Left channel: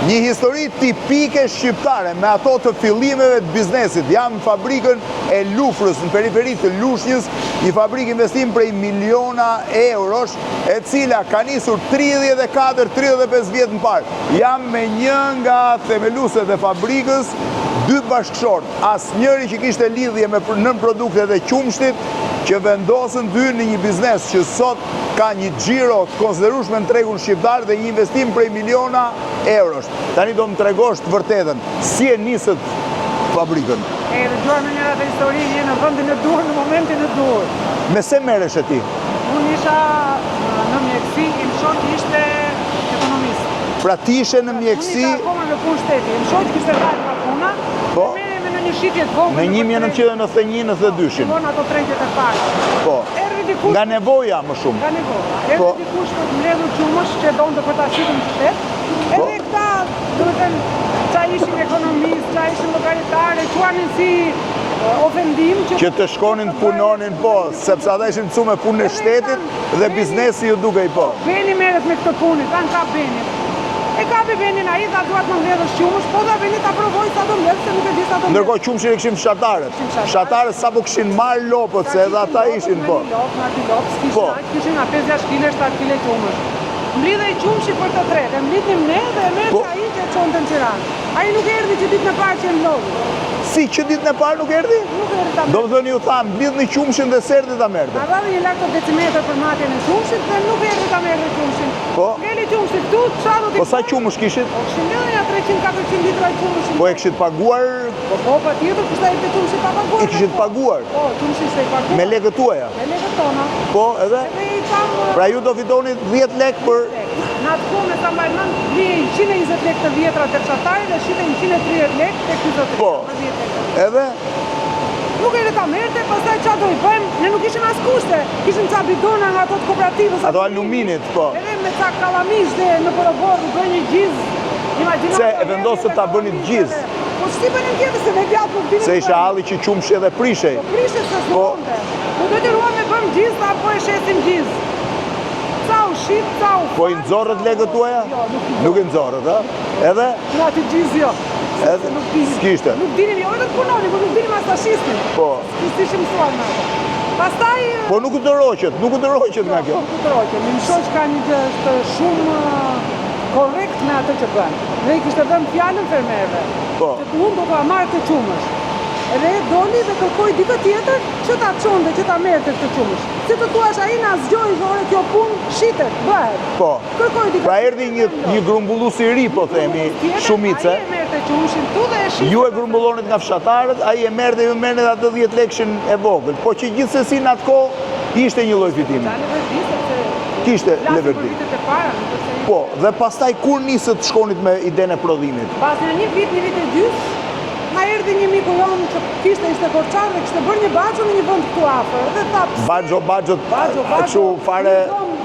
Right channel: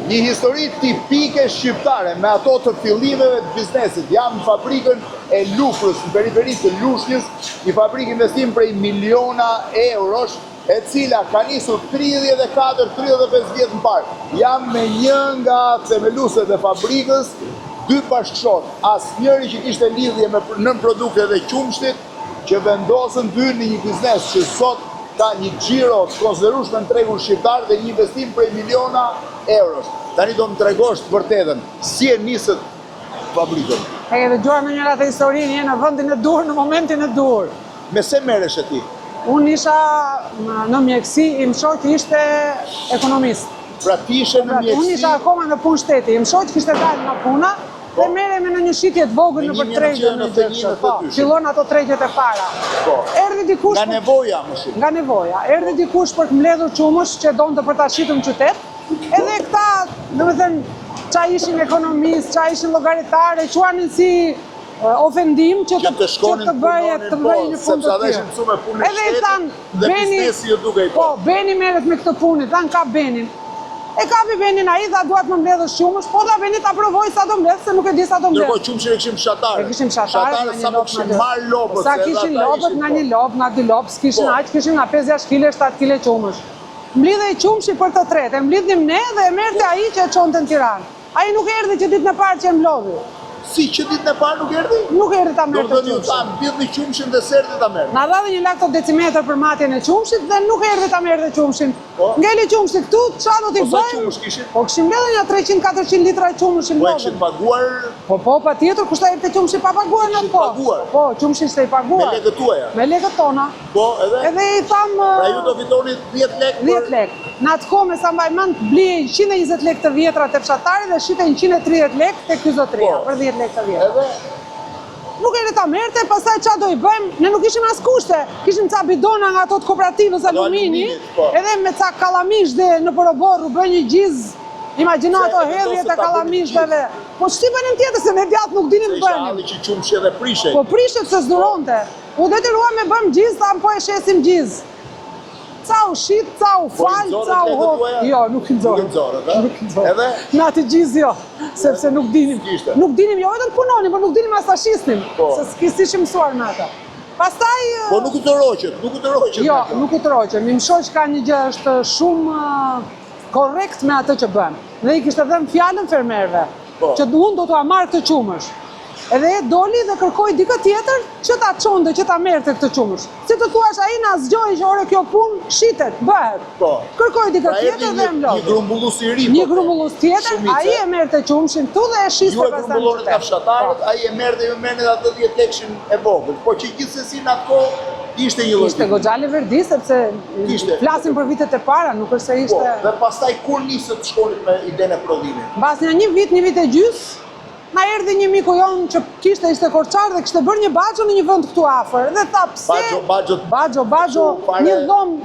Një histori tipike shqiptare me ato të fillimeve të biznesit. Jam fabrikën e Lufrës në periferitë të Lushnjës, një fabrikë investim prej miliona eurosh, e cila ka nisur 34-35 vjet më parë. Jam me një nga themeluset e fabrikës, 2 bashkëshortë, asnjëri që kishte lidhje me nën produktet e qumshtit, që vendosën dy në një biznes që sot ka një xhiro të konsiderueshme në tregun shqiptar dhe një investim prej miliona eurosh. Tani do më tregosh të vërtetën, si e nisët fabrikën? E dëgjuar me njëra të historinë, një në vendin e dur, në momentin e dur. Me se merresh e ti? Unë isha në mjekësi, im shoqi ishte ekonomist. Pra ti ishe në mjekësi? Unë isha akoma në punë shteti, im shoqi kishte dalë nga puna, dhe merremi në një shitje të vogël në 1991-92. Fillon ato tregjet e para. Po. Erdhi dikush nga nevoja më shumë. Nga nevoja. Erdhi dikush për të mbledhur qumësh që donte për ta shitur në qytet. Edhe këta, domethënë, qa ishim ekonomist, qa ishim organitare, quanin si ofendim që të shkonin punonin po, sepse ata ishin mësuar me punën e shtetit dhe biznesi ju dukej po. Beni merret me këtë punë, thanë ka Benin. E kapi Benin ai dhe duhet të mbledhësh qumësh, po do Beni ta provoj sa do mbledh, se nuk e di sa do mbledh. Ndërkohë qumshin e kishim fshatarët. Fshatarët sapo kishin marrë lopët, se edhe ata ishin po. Nga dy lopë, s'kishin aq, kishin nga 5-6 kg, 7 kg qumësh. Mblidhej qumshi për të tretë, e mblidhnim ne dhe e merrte ai që e çonte në Tiranë. Ai nuk erdhi që ditën e parë që e mblodhi. Si që ditën e parë nuk erdhi? Nuk erdhi ta merrte. Domethënë ju thanë mblidhni qumshin dhe serdi ta merrte. Na dha një lart decimetër për matjen e qumshit dhe nuk erdhi ta merrte qumshin. Ngeli qumshi këtu, çfarë do t'i bëj? Po sa qumësh kishit? Po kishim mbledhur ja 300-400 litra qumësh. Po e kishit paguar? Po patjetër, kushtai te qumshi pa paguar. E kishit paguar? Po, qumshi ishte i paguar. Me lekët tuaja? Me lekët tona. Po, edhe? Edhe i tham pra ju do fitoni 10 lekë për 10 lekë. Në atë kohë me sa mbaj mend blej 120 lekë të vjetra te fshatarit dhe shitej 130 lekë te kryzotria për 10 lekë të vjetra. Edhe nuk erdhi ta merrte, pastaj çfarë do i bëjmë? Ne nuk kishim as kushte. Kishim ca bidona nga ato të kooperativës aluminit, po. Edhe me ca kallamish dhe në porobor u bën një gjiz. Imagjinato vendosën ta bënin gjiz. Po shtimin tjetër se ne djatë nuk dinim. Se ishte halli që qumshi edhe prishej. Po prishet se s'duronte. Po detyruam me bëm gjiz, ta po e shesim gjiz. Ca u shit, ca u fal. Po i nxorët lekët tuaja? Jo, nuk i nxorët. Nuk i nxorët, ë? Edhe? Në atë gjiz jo. Sepse nuk dinim. S'kishte. Nuk dinim jo vetëm punonin, po nuk dinim as ta shisnin. Po. Se s'kishim mësuar në ata. Pastaj po nuk u tërhoqet, nuk u tërhoqet nga kjo. Jo, nuk u tërhoqet. Mi shoq ka një gjë është shumë korrekt me atë që bën. Dhe i kishte dhënë fjalën fermerëve që mund do ta marrë këtë qumësh. Edhe doli dhe kërkoi dikë tjetër që ta çonte, që ta merrte këtë qumësh. Si të thuash ai na zgjoi se ora kjo punë shitet, bëhet. Po. Kërkoi dikë tjetër. Pra erdhi një grumbullues i ri, po themi, shumice. Ai e merrte qumshin tu dhe e shiste. Ju e grumbullonit nga fshatarët, ai e merrte ju merrni atë 10 lekëshin e vogël. Po që gjithsesi në atë kohë ishte një lloj fitimi. Ishte goxha lëvërdi sepse flasim për vitet e para, nuk është se ishte. Po, dhe pastaj kur nisët të shkonit me idenë e prodhimit? Pas një vit e gjys, na erdhi një miku jon që ishte korçar dhe kishte bërë një baxho në një vend këtu afër. Dhe tha pse? Baxho, fare.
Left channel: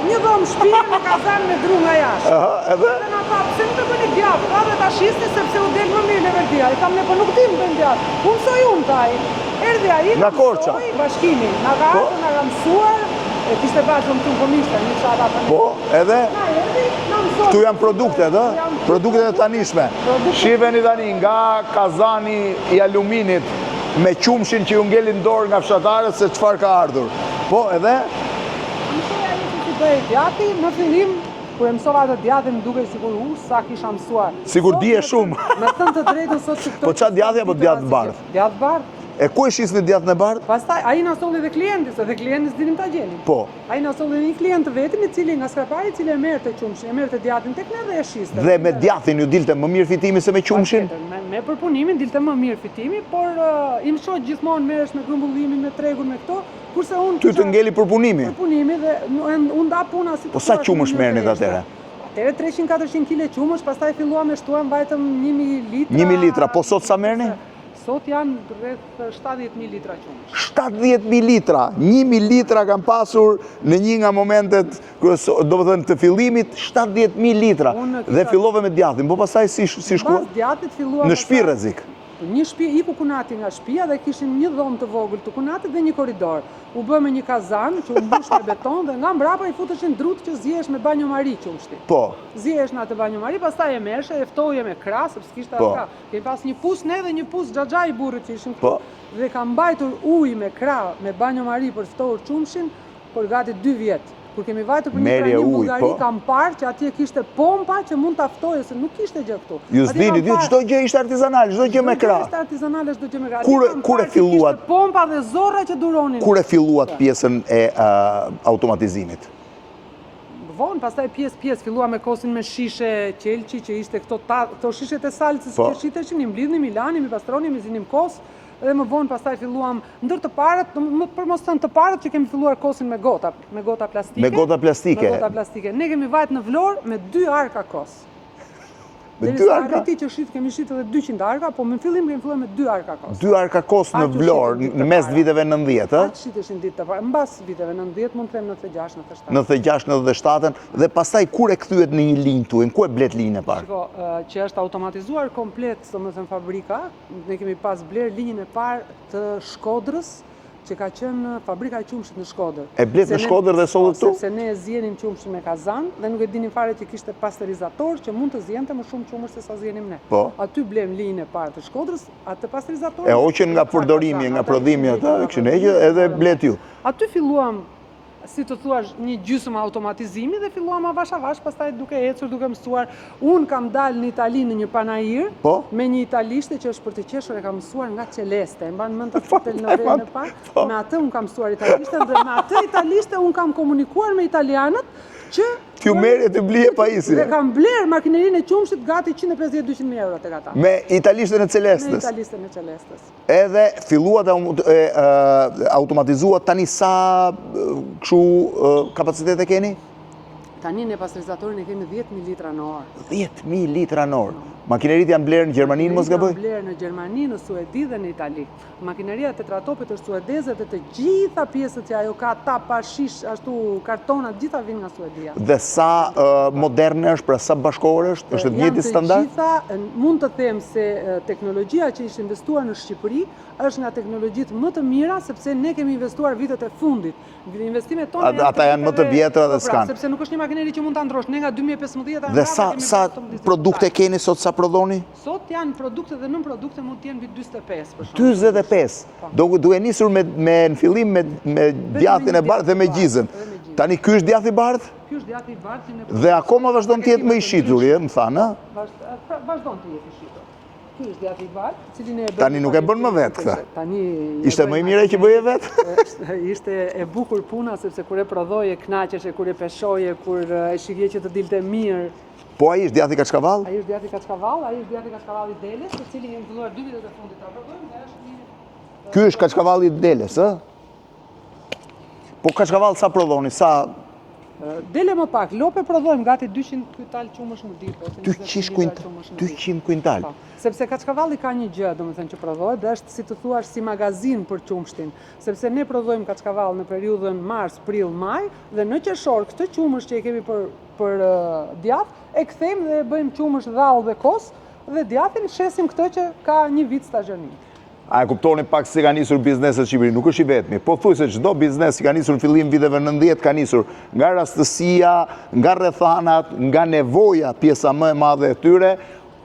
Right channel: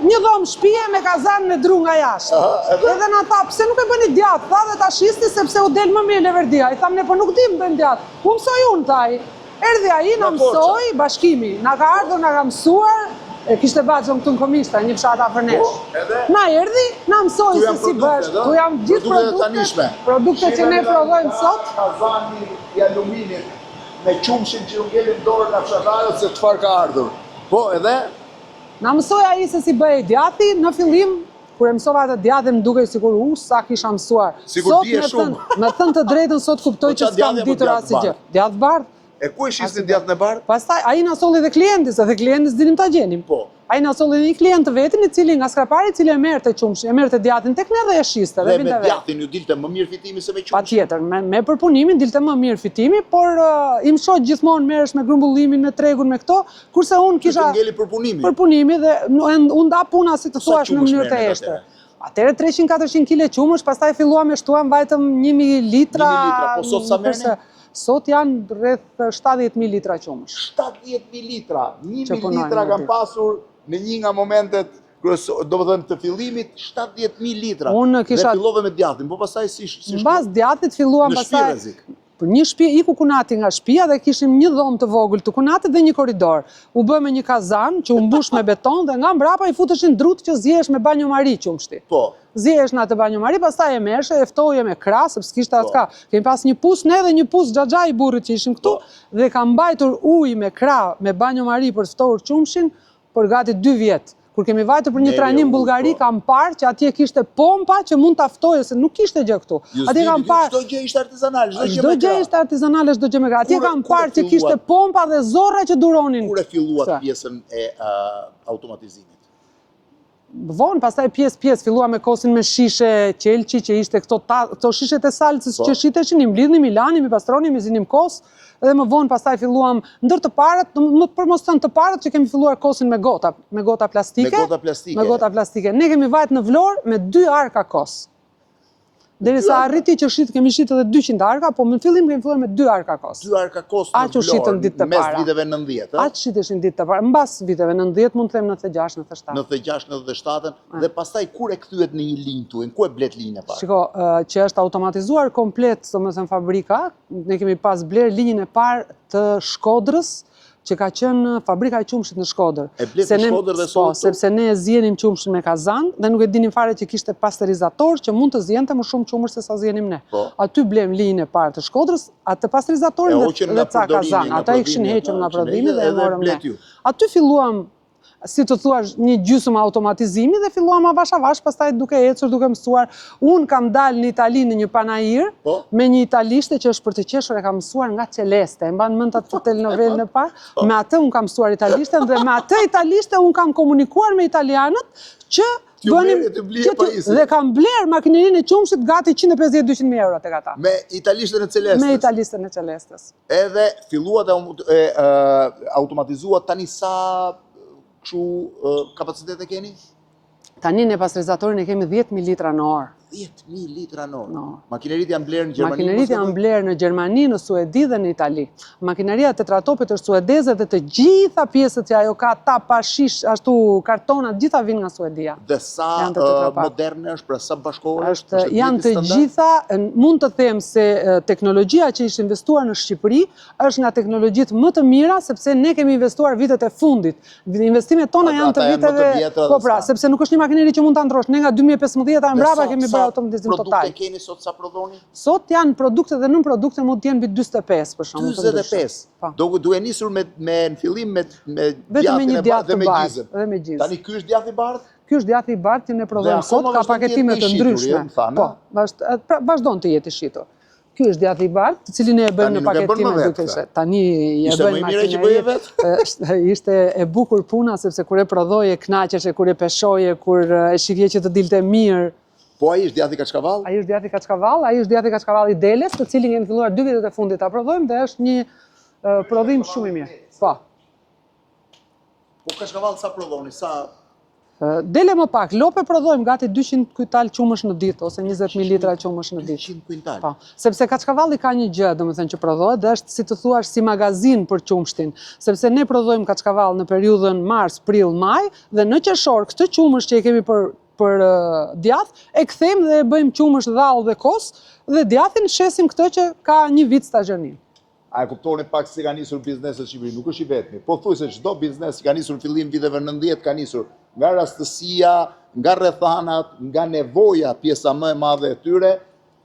Një dhomë shtëpie me kazan me dru nga jashtë. Edhe na tha pse nuk e bëni djathtë, tha dhe ta shisti sepse u del më mirë Leverdia. I tha po nuk di më bën djathtë. U mësoi unë thaj. Erdhi ai na mësoi bashkimi. Na ka ardhur na ka mësuar. E kishte baxhën këtu në Komishta, një çata për nesh. Po, edhe? Na erdhi, na mësoi. Ktu janë produktet, ëh? Produktet e tanishme. Shiheni tani nga kazani i aluminit me qumshin që ju ngelin dorë nga fshatarët se çfarë ka ardhur. Po, edhe? Na mësoi ai se si bëhej djati, në fillim kur e mësova atë djatin më dukej sikur sa kisha mësuar. Sikur dije shumë. Me thënë të drejtën sot kuptoj që s'kam ditur asgjë. Djatë bardh. E ku e shisni djatën e bardhë? Pastaj ai na solli dhe klientis, edhe klientis dinim ta gjenim. Po. Ai na solli dhe i klient të vetin, i cili nga skrapari, i cili e merrte qumshin, e merrte djatin tek ne dhe e shiste. Dhe me djatin ju dilte më mirë fitimi se me qumshin? Patjetër, me përpunimin dilte më mirë fitimi, por im shoq gjithmonë merresh me grumbullimin, me tregun, me këto, kurse unë kisha të ngeli përpunimi. Përpunimi dhe unë nda puna si të thuash. Sa qumësh merrnit atëherë? Atëherë 300-400 kg qumësh, pastaj filluam e shtuam vajtëm 1000 litra. 1000 litra, po sot sa merrni? Sot janë rreth 70.000 litra qumësh. 70.000 litra! 1.000 litra kam pasur në një nga momentet, do të thënë të fillimit, 70.000 litra. Dhe fillove me djatin, po pastaj si shku? Mbas djatit filluam në shtëpi rrezik. Një shtëpi, iku Kunati nga shtëpia dhe kishim një dhomë të vogël të Kunatit dhe një korridor. U bë me një kazan që u mbush me beton dhe nga mbrapa i futeshin drut që zjehesh me banjomari qumshti. Po. Zjehesh në atë banjomari, pastaj e merrshe, e ftoje me krah, sepse kishte atë. Kemi pas një pus ne dhe një pus xhaxha i burrit që ishim këtu dhe ka mbajtur ujë me krah, me banjomari për të ftohur qumshin për gati 2 vjet. Kur kemi vajtur për një trajnim në Bullgari, kam parë që atje kishte pompa që mund ta ftojë, se nuk kishte gjë këtu. Ju s'dini, çdo gjë ishte artizanale, çdo gjë me krah. Çdo gjë ishte artizanale, çdo gjë me krah. Atje kam parë që kishte pompa dhe zorra që duronin. Kur e filluat pjesën e automatizimit? Vonë, pastaj pjesë, fillua me kosin me shishe qelçi që ishte këto shishet e salcës që shiteshin, i mblidhnim, i lanim, i pastronim, i zinim kos. Edhe më vonë pastaj filluam ndër të parët, më për mos thënë të parët që kemi filluar kosin me gota plastike. Me gota plastike. Me gota plastike. Ne kemi vajt në Vlorë me 2 arka kos. Derisa arriti që kemi shit edhe 200 arka, po në fillim kemi filluar me 2 arka kos. 2 arka kos në Vlorë, në mes viteve 90, Atë shiteshin ditë të parë, mbas viteve 90, mund të them 96, 97. 96, 97, dhe pastaj kur e kthyet në një linjë tuaj, ku e blet linjën e parë? Shiko, që është automatizuar komplet, domethënë fabrika, ne kemi pas bler linjën e parë të Shkodrës, që ka qenë fabrika e qumshit në Shkodër. E blet në Shkodër dhe sot këtu? Sepse ne zjenim qumshin me kazan dhe nuk e dinim fare që kishte pasterizator që mund të zjente më shumë qumësh se sa zjenim ne. Aty blem linjën e parë të Shkodrës, atë pasterizator e hoqën nga përdorimi, nga prodhimi, edhe blet ju. Aty filluam, si të thuash, një gjysmë automatizimi dhe filluam avash avash, pastaj duke ecur, duke mësuar. Unë kam dalë në Itali në një panajir me një italishte që është për të qeshur, e kam mësuar nga Celeste. E mban mend atë telenovelën e parë. Me atë unë kam mësuar italishten dhe me atë italishte unë kam komunikuar me italianët që Kjo merje të blije pajisje. Dhe kam bler makinerinë e qumshit gati 150-200 euro tek ata. Me italishten e Celestes? Me italishten e Celestes. Edhe filluat automatizuat tani sa kështu kapacitet e keni? Tani në pasterizatorin e kemi 10.000 litra në orë. 10.000 litra në orë? Makineritë janë blerë në Gjermani? Makineritë janë blerë në Gjermani, në Suedi dhe në Itali. Makineria tetratopit është suedeze dhe të gjitha pjesët që ajo ka ta pashish, ashtu kartonat, gjitha vinë nga Suedia. Dhe sa moderne është, pra sa bashkore është, është janë të gjitha, mund të them se teknologjia që ishtë investuar në Shqipëri është nga teknologjitë më të mira, sepse ne kemi investuar vitet e fundit. Investimet tona janë të vjetra sepse nuk është një makineri që mund të ndrosh. Ne nga 2015 mbrapa kemi bërë automatizim total. Sa produkte keni sot, sa prodhoni? Sot janë produkte dhe nën produkte mund të jenë mbi 45 për shembull. 45. Duke nisur në fillim me djathtin e bardhë dhe me gjizën. Tani ky është djathi i bardhë? Ky është djathi i bardhë që ne prodhojmë sot, ka paketime të ndryshme. Më thanë. Po, vazhdon të jetë i shitur. Ky është djathi i bardhë, të cilin e bën në paketime. Tani ishte më i mira që bëje vetë? Ishte e bukur puna sepse kur e prodhoje kënaqeshe, kur e peshoje, kur e shihje që të dilte mirë. Po ai është djathi Kaçkavall? Ai është djathi Kaçkavall, ai është djathi Kaçkavall i Deles, të cilin kemi filluar 2 vitet e fundit ta prodhojmë dhe është një Ky është Kaçkavalli i Deles, ë? Po Kaçkavall sa prodhoni? Sa Dele më pak, lope prodhojmë gati 200 kujtal qumësh në ditë, ose 20 litra qumësh në ditë. 200 kuintal? Sepse Kaçkavalli ka një gjë, domethënë që prodhohet, dhe është, si të thuash, si magazin për qumshtin. Sepse ne prodhojmë Kaçkavall në periudhën mars, prill, maj, dhe në qershor këtë qumësh që i kemi për djath, e kthejmë dhe e bëjmë qumësh dhall dhe kos, dhe djathin shesim këtë që ka një vit stazhoni. A e kuptoni pak se ka nisur bizneset Shqipëri, nuk është i vetmi. Po thuj se çdo biznes që ka nisur në fillim viteve 90 ka nisur nga rastësia, nga rrethanat, nga nevoja, pjesa më e madhe e tyre,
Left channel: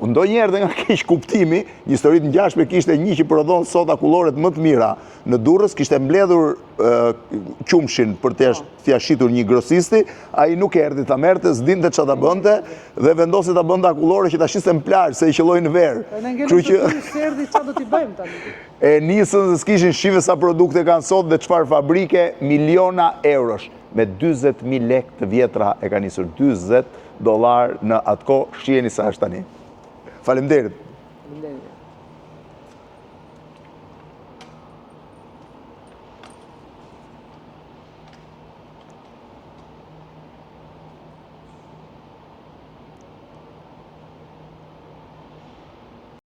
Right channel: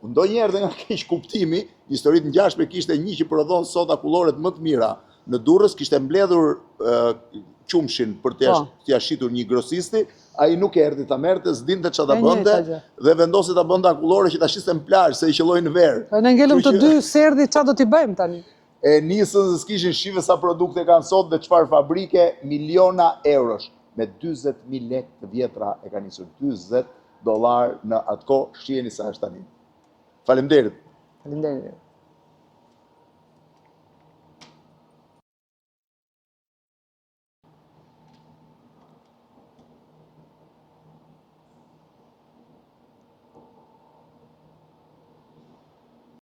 ndonjëherë dhe nga keq kuptimi. Një histori të ngjashme kishte një që prodhon soda kulloret më të mira në Durrës, kishte mbledhur qumshin për t'ia shitur një grosisti, ai nuk erdhi ta merrte, s'dinte çfarë ta bënte dhe vendosi ta bënte akullore që ta shiste në plazh se i qelloi në verë. Ne ngelëm të dy serdhi çfarë do t'i bëjmë tani. E nisën se s'kishin shive sa produkte kanë sot dhe çfarë fabrike, miliona eurosh. Me 40.000 lek të vjetra e ka nisur, $20 në atë kohë, shiheni sa është tani. Faleminderit. Faleminderit.